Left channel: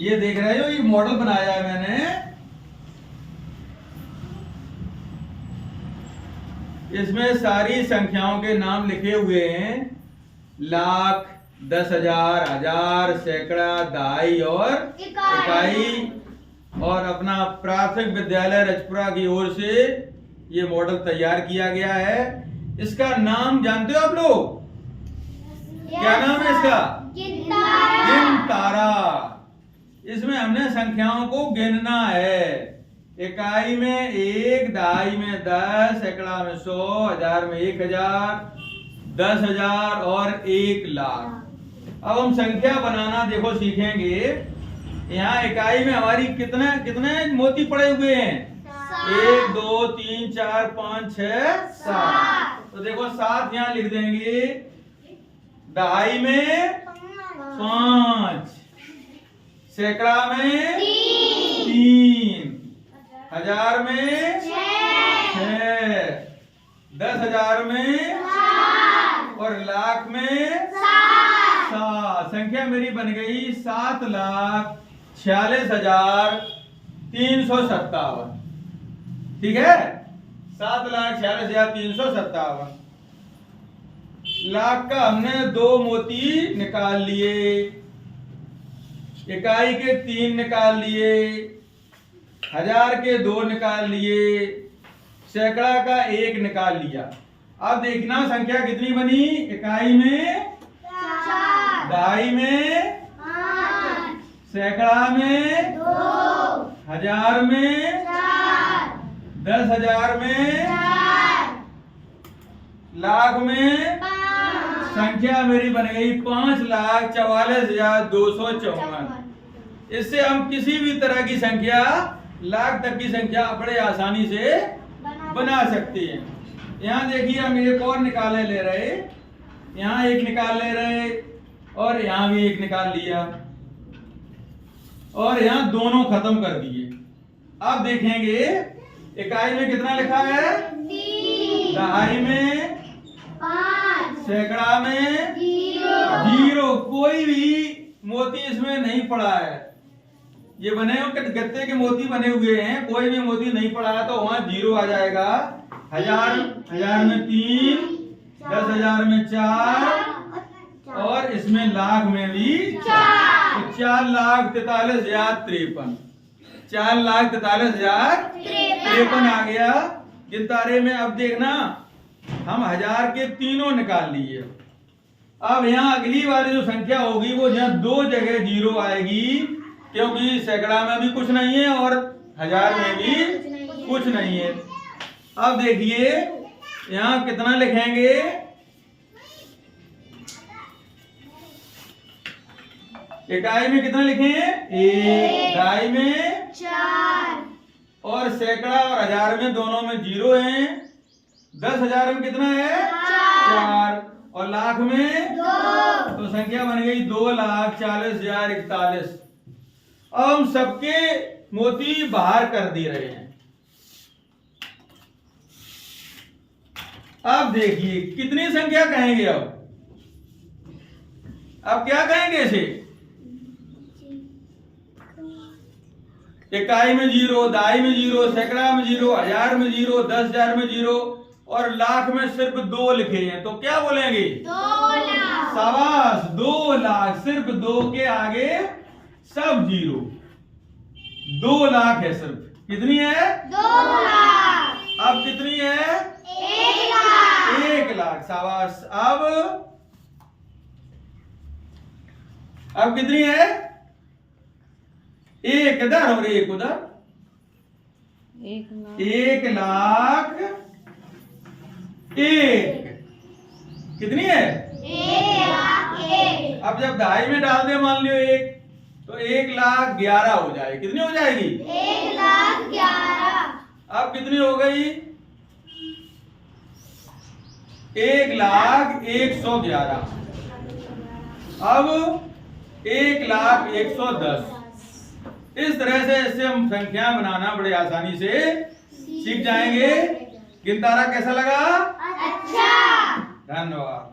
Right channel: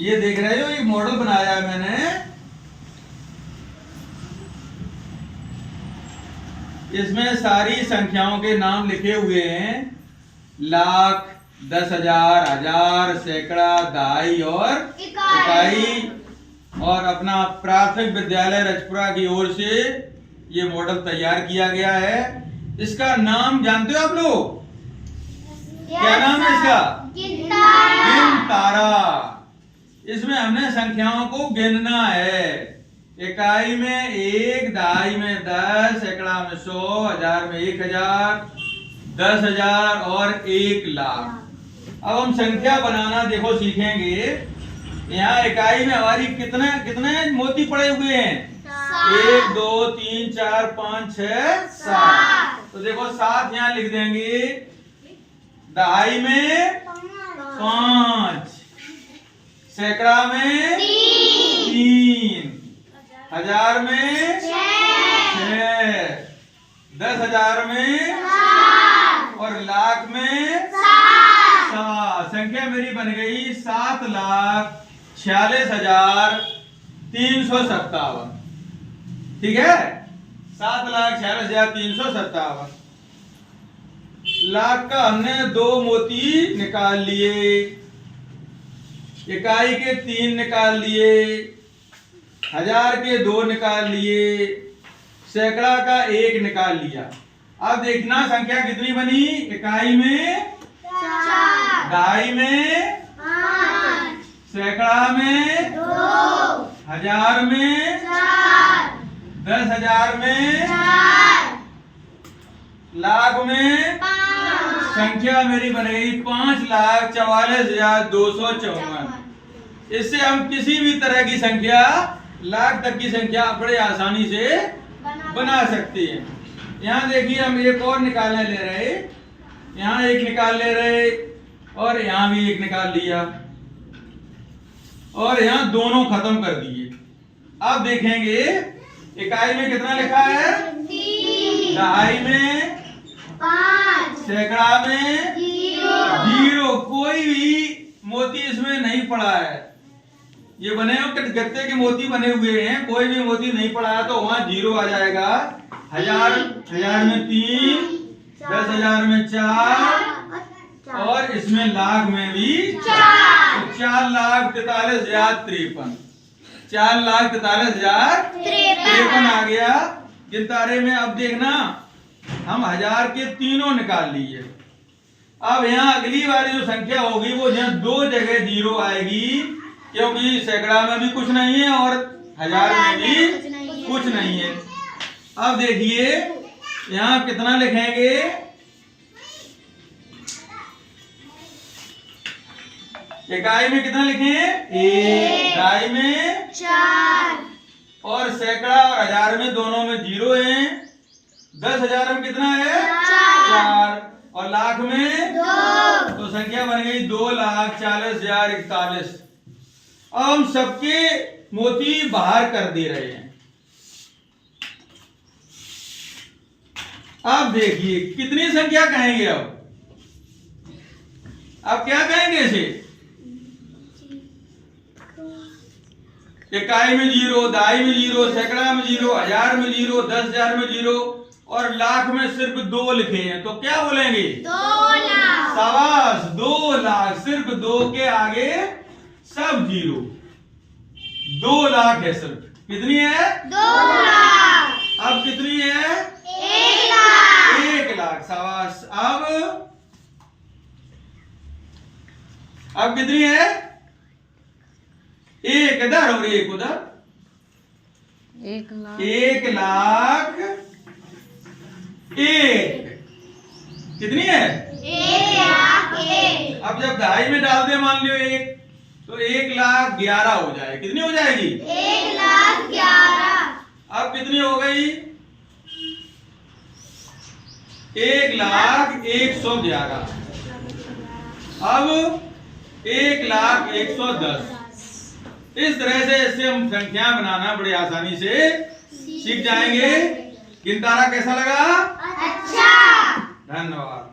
ये देख रहे हो, ये मॉडल बनाया है मैंने। इसमें सारी संख्याओं के नाम लिखे हुए हैं, लाख, 10,000, हजार, सैकड़ा, दहाई और इकाई। और अपना प्राथमिक विद्यालय रजपुरा की ओर से ये मॉडल तैयार किया गया है। इसका नाम जानते हो आप लोग? क्या नाम है इसका? गिनतारा। इसमें हमने संख्याओं को गिनना है। इकाई में 1, दहाई में 10, सैकड़ा में 100, हजार में 1000, 10,000 और 1 लाख। अब हम संख्या बनाना देखो सीखेंगे। यहाँ इकाई में हमारी कितने कितने मोती पड़े हुए हैं? 1, 2, 3, 4, 5, 6, 7। तो देखो 7 यहाँ लिख देंगे। दहाई में 5, सैकड़ा में 3, हजार में 6, 10,000 में और लाख में 7। संख्या मेरी बन गई 7,46,357। ठीक है, 7,46,357। लाख का हमने 2 मोती निकाल लिए, इकाई के 3 निकाल लिए, हजार के 2 निकाल लिए, सैकड़ा का 1 निकाल लिया। अब देखना संख्या कितनी बनी। इकाई में 4, दहाई में 5, सैकड़ा में 2, हजार में 4, 10,000 में 4, लाख में 5। संख्या मेरी बन गई 5,44,254। इससे हम किसी भी तरह की संख्या, लाख तक की संख्या बड़े आसानी से बना सकते हैं। यहाँ देखिए, हम एक और निकालने ले रहे, यहाँ एक निकाल ले रहे और यहाँ भी एक निकाल लिया और यहाँ दोनों खत्म कर दिए। अब देखेंगे इकाई में कितना लिखा है? 3, दहाई में 5, सैकड़ा में 0। कोई भी मोती इसमें नहीं पड़ा है। ये बने हुए गत्ते के मोती बने हुए हैं, कोई भी मोती नहीं पड़ा है तो वहां 0 आ जाएगा। हजार में 3, 10,000 में 4 और इसमें लाख में भी 4। तो 4,43,053, 4,43,053 आ गया गिनतारे में। अब देखना, हम हजार के तीनों निकाल लिए। अब यहाँ अगली वाली जो संख्या होगी वो यहाँ 2 जगह 0 आएगी, क्योंकि सैकड़ा में भी कुछ नहीं है और हजार में भी कुछ नहीं है। अब देखिए यहाँ कितना लिखेंगे? इकाई में कितना लिखें? 1, दहाई में 4 और सैकड़ा और हजार में दोनों में 0 है। 10,000 में कितना है? 4 और लाख में 2। तो संख्या बन गई 2,40,041। अब हम सबके मोती बाहर कर दे रहे हैं। अब देखिए कितनी संख्या कहेंगे? अब क्या कहेंगे इसे? इकाई में 0, दहाई में 0, सैकड़ा में 0, हजार में 0, 10,000 में 0 और लाख में सिर्फ 2 लिखे हैं, तो क्या बोलेंगे? 2 लाख। शाबाश, 2 लाख। सिर्फ 2 के आगे सब 0। 2 लाख है सिर्फ। कितनी है? 2 लाख। अब कितनी है? 1 लाख। 1 लाख। शाबाश। अब कितनी है? 1 इधर और 1 उधर। 1 लाख। 1 लाख 1। कितनी है? 1 लाख 1। अब जब दहाई में डाल दे मान लियो 1, तो 1,11,000 हो जाएगी। कितनी हो जाएगी? 1,11,000। अब कितनी हो गई? 1,01,11। अब 1,01,10। इस तरह से इससे हम संख्या बनाना बड़ी आसानी से सीख जाएंगे। गिनतारा कैसा लगा? अच्छा। धन्यवाद।